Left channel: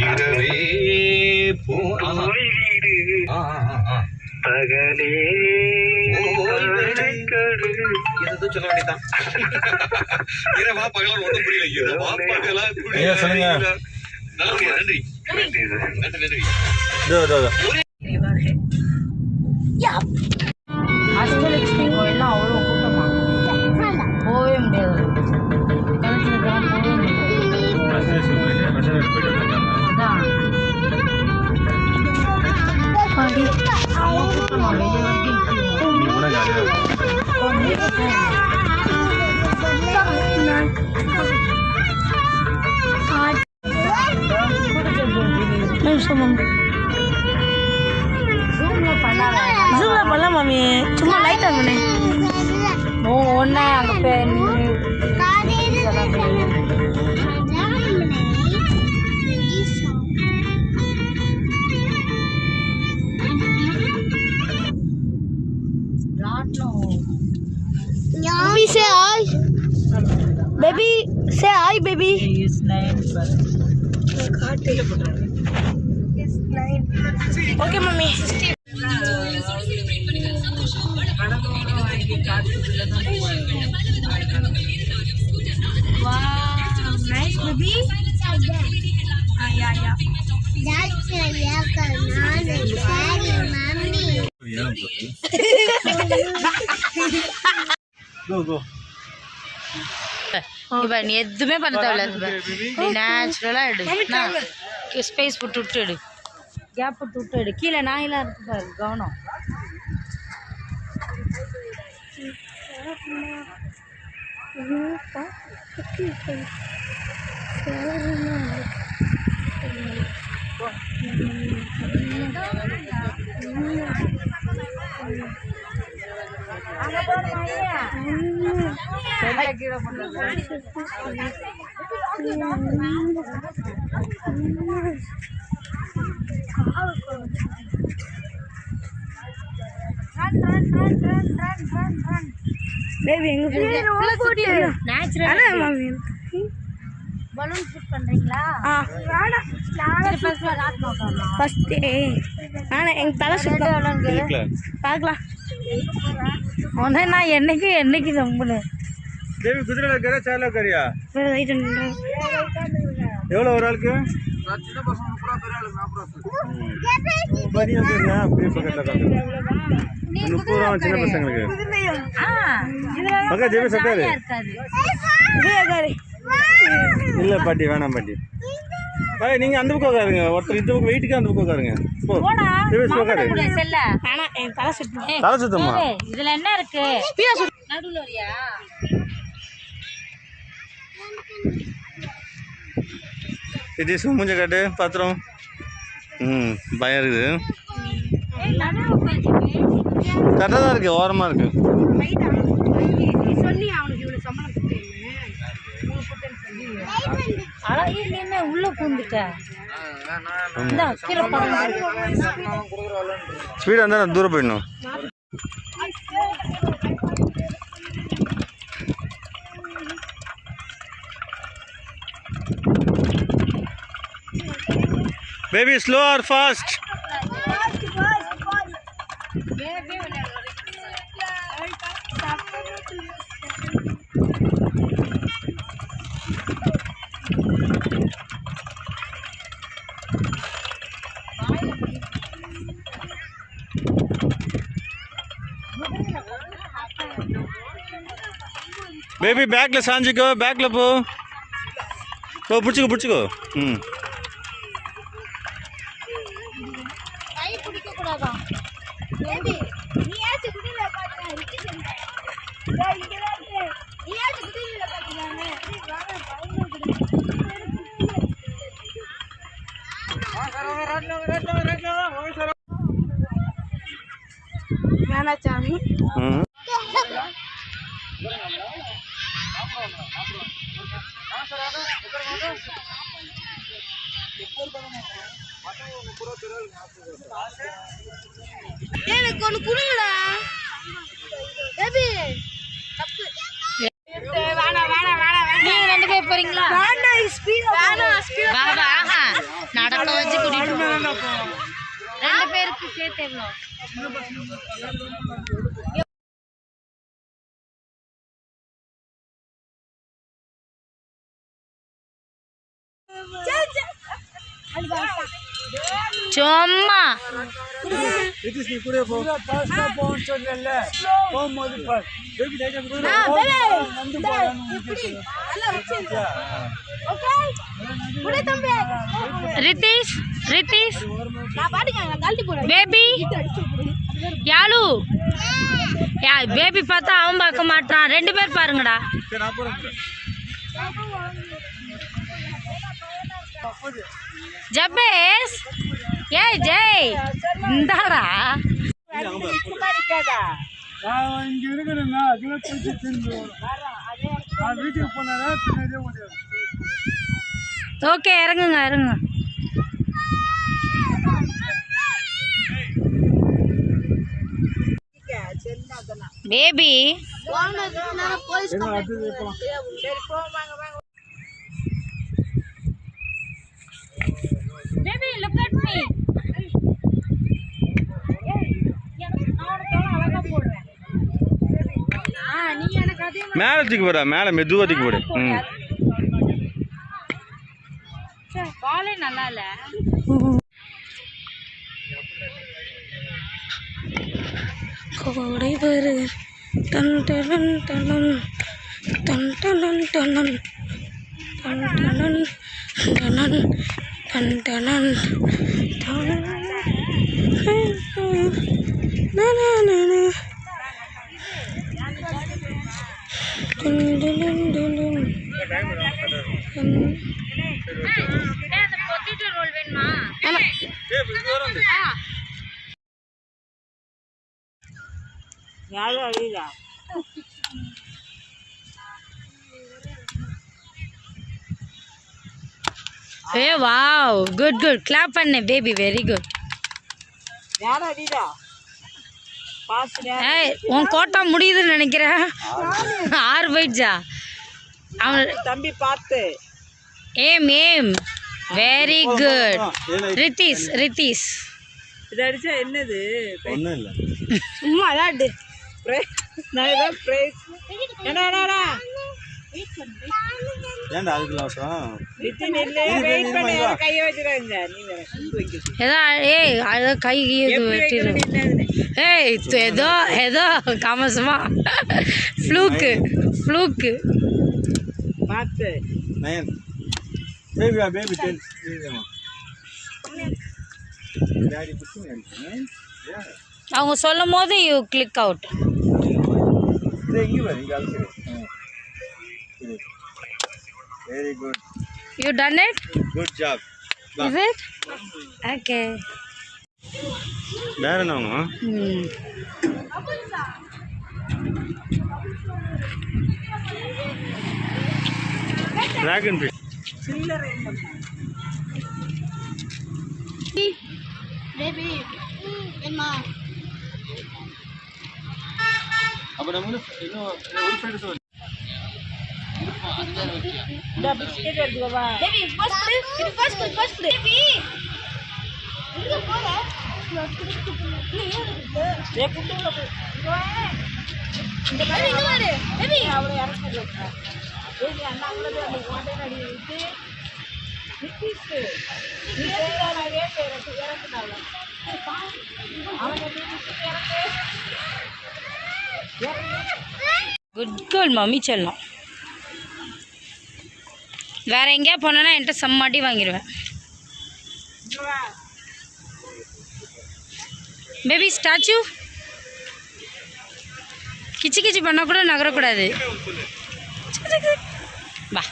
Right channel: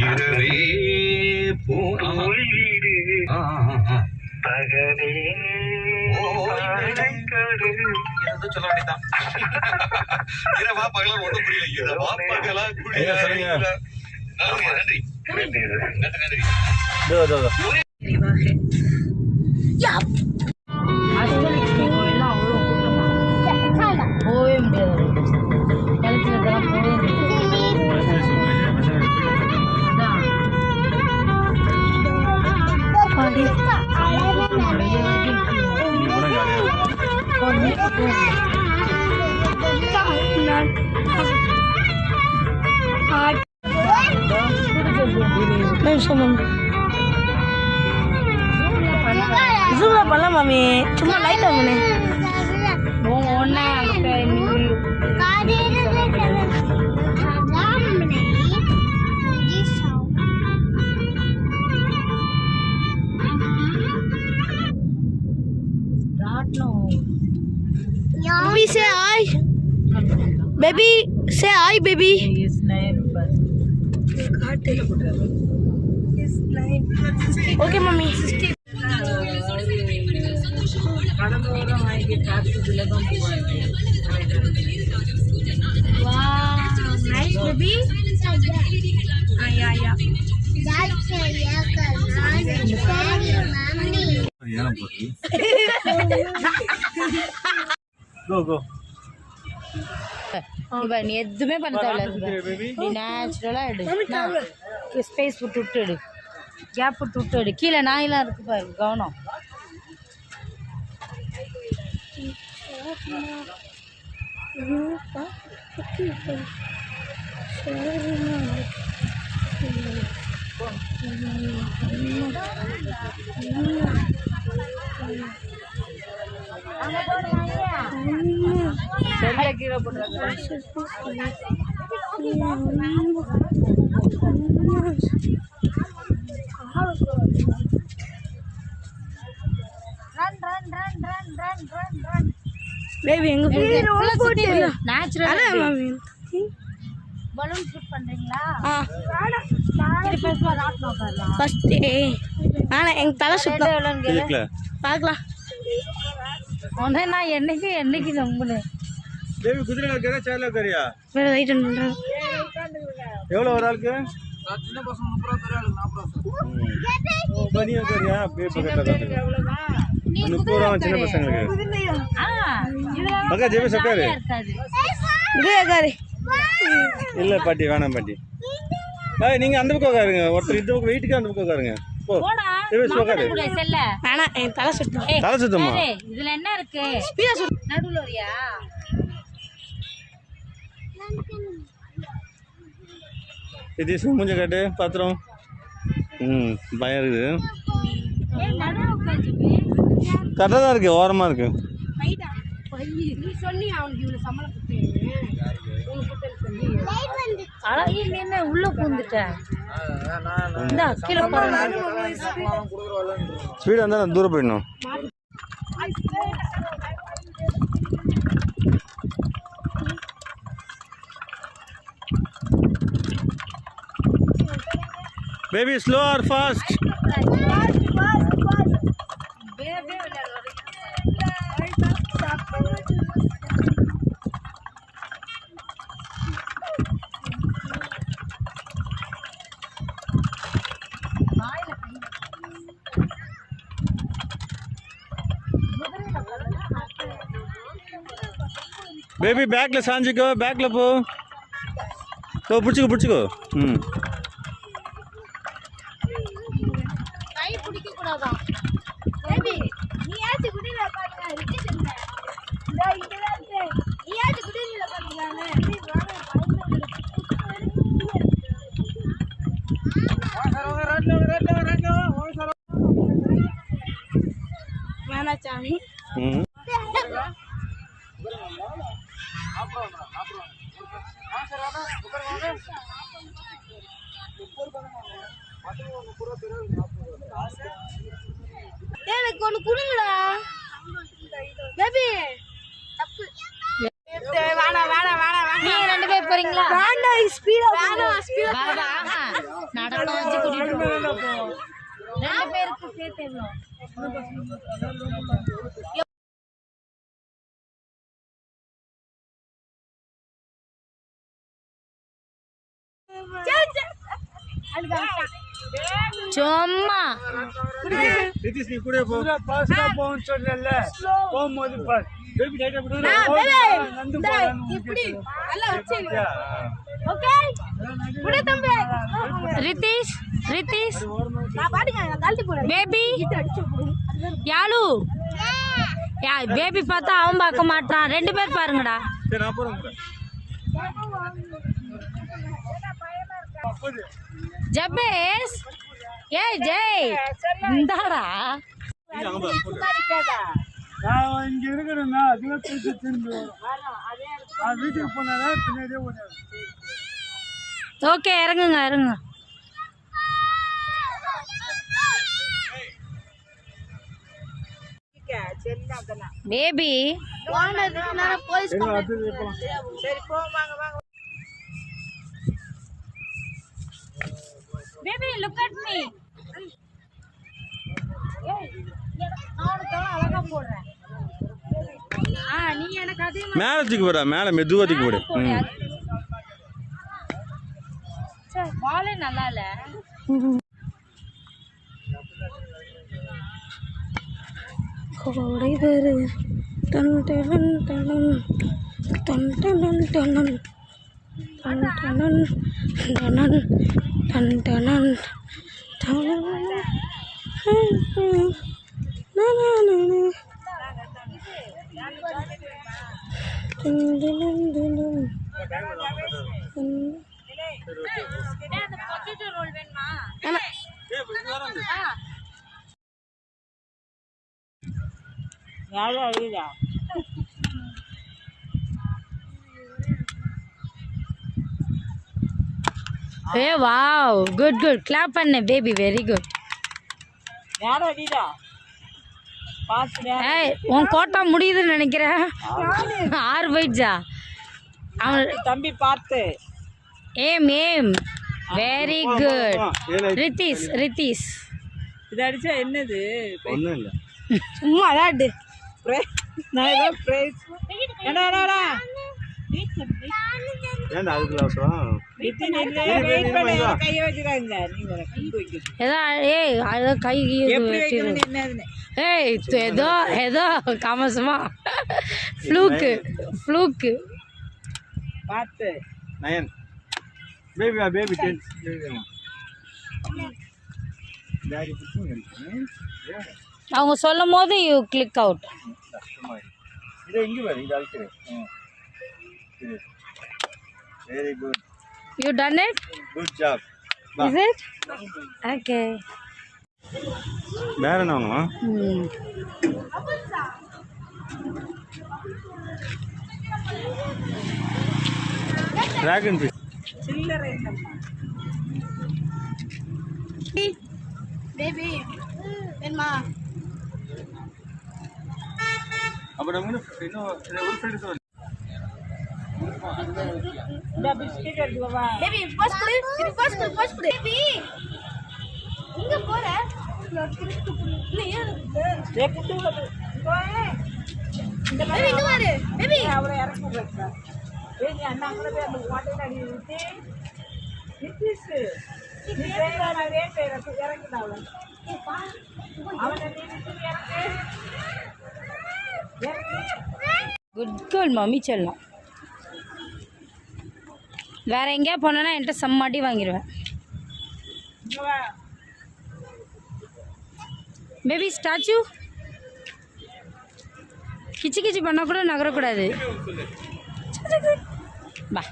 இரவே போ ஆஹா. ஓய்வீடு ஆ, ஆ, ஆ, ஆ. பகலே சொல்ல வேண்டியதான் இரவா பகலா ஒண்ணும் புரியல. இரவா பகலா. நன்றி நன்றி. நன்றி நன்றி. ஜூம்ல பண்ணல மாமி சும்மா லைட் ஆன் பண்ணு ஓ, ஒண்ணு அங்க போய் நின்னு ராட்டினம் baby say hi baby say hi baby is nine plus. Okay mummy ஏனம் போகுது. Go, go. இப்ப நீ எதுவுமே பண்ண தேவையில்ல நீ நேச்சுரலா எடு. ஸ்பேஸ் போட்டு விட்டு எடு. கேப்பு போட்டு விட்டு எடு. கீழே நாயெல்லாம் இருக்கு பாரு கவனம். கீழே போட்டு பேபி எங்க போகுது? நேச்சுரல் அதான் மாமி. பலூன் ஷூட் பண்றீங்களா? ஆ. திருப்பி ராட் பார்க்கலாம் ஃபர்ஸ்ட் நானே எங்க தலை கேக்கல. பார்க்கலாம். ஒன்று நான் என்னைக்கு என்னைக்கு நம்புனேன் தேவி குதிரையில இருக்கிற சேர்ல உட்காரியா வேற லைட் ஆன் பண்றேன் எவ்வளோ ஒரு ஆளுக்கு? ம். அப்ப நீ உட்காரியா? போய் பக்கத்துல உட்காரு. முப்பது ரூபா சின்ன பசங்களுக்கு ஜெபி இல்ல பாட்டி வேணாம் பாட்டி பாய் நீங்க அந்த பக்கம் உட்காருங்க ஒருத்தர் இந்த பக்கம் வெயிட்டுக்கு அந்த பக்கம் உட்காருங்க போ உட்காரு செல்ல ஆனா என் தலை தலை சுத்தமா இதுல என்ன இருக்கு நடுவுல வரியா இது மூஞ்ச காட்டு பாத்திரம் ம் பயம் இருக்குது. கரெக்டாக தான் இருக்குது ஓரமாக இருக்குது உள்ள பூந்துட்ட? இந்த கீழே பாருங்க. ஸ்பீடாக இருந்தால் நான் தூரம் போயிடணும். बेबी स्लो और फास्ट బేబీ బ్యాగ్లో సాంజికో బ్యాగ్లో పో పుచ్చుకో పుచ్చుకో எனக்கு ஒன்று கொடுங்களா வேணாம் பேர் போறீங்களா வேண்டாம் ஸ்பீடா வேணாம் வா, வா, ஆஹா. ரெண்டு பேருக்கு சேர்த்து எவ்வளோ சும்மா. நிதிஷ் நீ கூட போ பாஸ்டா போன்னு சொல்லல போகும்போது பார் பேபி நந்து இப்படி நல்லா வச்சு ஓகே தம்பி ரித்தீஷ் ரித்தீஷ் பேபி யாழு. யா பேபி பார்த்தா அவன் பார்க்க மாட்டான் ரெண்டு பேர் பாருங்கடா. சரி, நான் போறேன் ஜபேஸ் ஏய் ஜெய் இந்தாடா. நான் இங்க இருக்கிறேன்னா அதுல போயிட்டு தின்னு வரும். நான் வீட்டுக்கு போனா தின்னதே முடியாது ஓகே இறங்குங்க இறங்குங்க. Baby baby look at me நான் உனக்கு எவ்வளோ அழகா போடுறேன் ஆ நீ எனக்கு அதே மேலே தூக்கி போடா மேலே மெதுவாக தூக்கி போடு. ம். பாலே நல்லா இல்ல கோடை வரு தன் தனன் தனன் தன் தனன் தனன் தன் தனன் தனன் தன் தனன் ஏ வாவ் குட் குட் கிளாப் பண்ணு பேபி வெரி குட் ஏய் உன் கோட்டா முடியுதுன்னு நினைக்கிறேன் ஆறு போயிடுச்சா அவன் தம்பி பார்த்து ஏம் ஏம் வெரி குட் ரித்தீஷ் ரித்தீஷ் இது அடிச்சா என்னது ஒன்றும் இல்லை சும்மா நான் ஏதோ கை வெட்டிடும். ஏய் இது ஏதோ ஏதோ காமசமா. ஃப்ளூக்கு ஃப்ளூக்கு. பார்த்து. Nine. Baby baby ten. Daddy பிடிச்சி அவங்க சொல்லும் போது you click out very good you done it good job is it okay வேற என்ன வேணும் ம். ட்ராகன் ஃபிஷ் சில்லறை என்னம்மா பேபி வேணுமா அப்போ நம்ம இன்னும் இன்னும் ஒரு சைடு தான் இந்த பிஸ்கெட் எடுத்துக்கோ வா. பேபி ஃபர்ஸ்ட் குடு இது ஃபர்ஸ்ட் குடு ஃபர்ஸ்ட் குடு பேபி எங்க போற ஏ, குட்டு விட போ. இந்த மாதிரி இங்க பாரு பேபி அவரை இறங்க வைக்க. ஏய், நீ அண்ணாங்களே போய் அந்த ஓட்டையில அடி விட்டு, நிக்கிஸு. நீ செய்யறானே செய்யறது, இறங்குடா அவளை. அவனை நீ விட்டு இறங்கு. குட் கேர்ள் மம்மி செல்லம் வேறு எங்கேயா போனேன்னா என்கிட்ட செம்மாட்டி வாங்கிடுவேன் பேபி ஸ்டாச்சு கிச்சு கிச்சு பண்ணால் கூட நகரக்கூடாது. வா.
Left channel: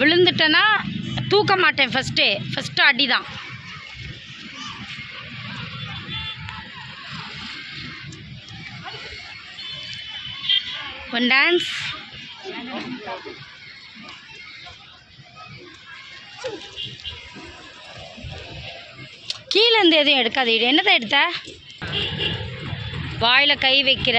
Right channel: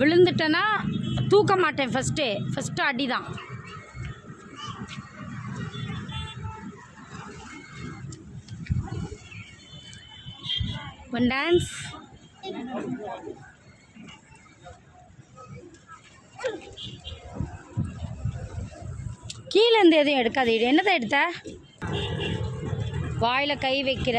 விழுந்துட்டேன்னா தூக்க மாட்டேன் ஃபஸ்ட்டே ஃபஸ்ட்டு அடி தான் One டான்ஸ் கீழே இருந்து எதுவும் எடுக்காது என்னதான் எடுத்த? வாயில் கை வைக்கிற.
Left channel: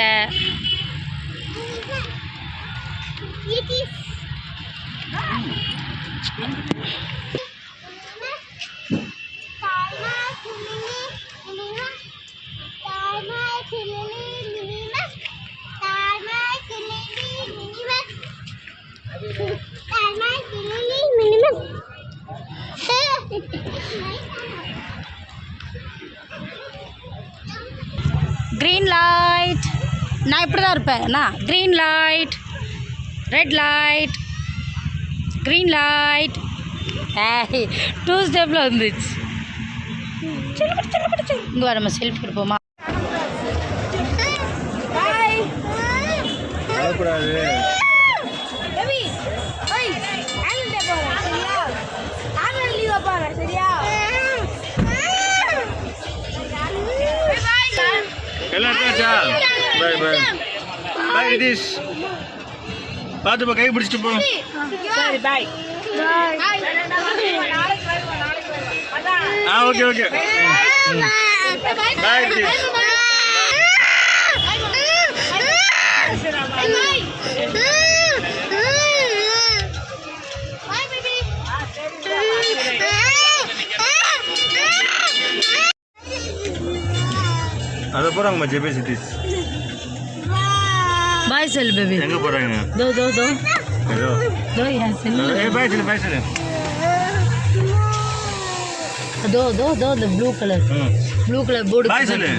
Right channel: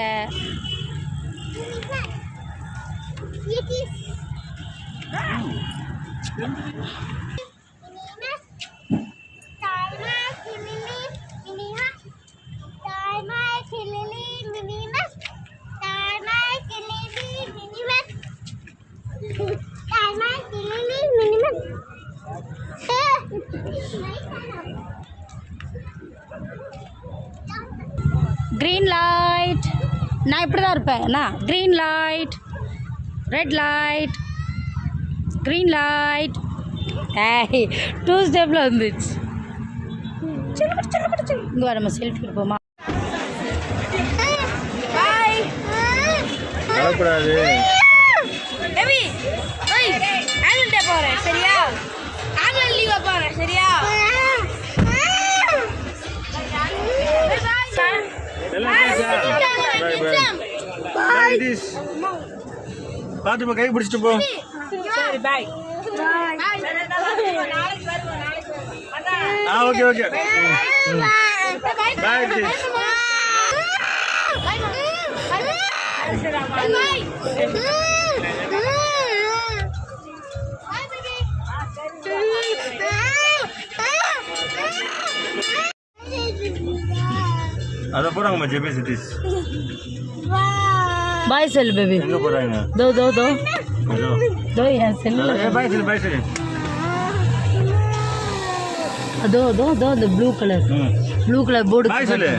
க்ரீன் லைட் நான் இப்படி தான் இருப்பேன். என்ன? Green light red light green light two ஸ்டெப்பில் வந்துச்சு. இங்கே வர நம்ம செல்ஃபி எடுப்போமா பாய் எல்லாம் எடுத்தாச்சா பாய் பாய் பாய் திஸ் பார்த்து போ கை பிடிச்சிட்டு போ. சரி பாய் ஆ ஓகே ஓகே. பாய் அதை போகிறாங்கம்மா ஜெபே சிட்டிஸ் பாய் செல் பேபி எங்கே போகிறாங்க தோ தோ தோ. ஏதோ. தோ என் செல்லு ஏ பாய் சொல்லு பாய் சொல்லு தோ தோ தோ இந்த ப்ளூ கலர் ம். ப்ளூ கலர் போர்டு பாய் சொல்லு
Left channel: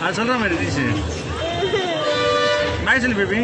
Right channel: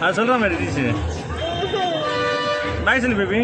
அது சொல்கிற மாதிரி இருந்துச்சு. பாய் சொல்லு பேபி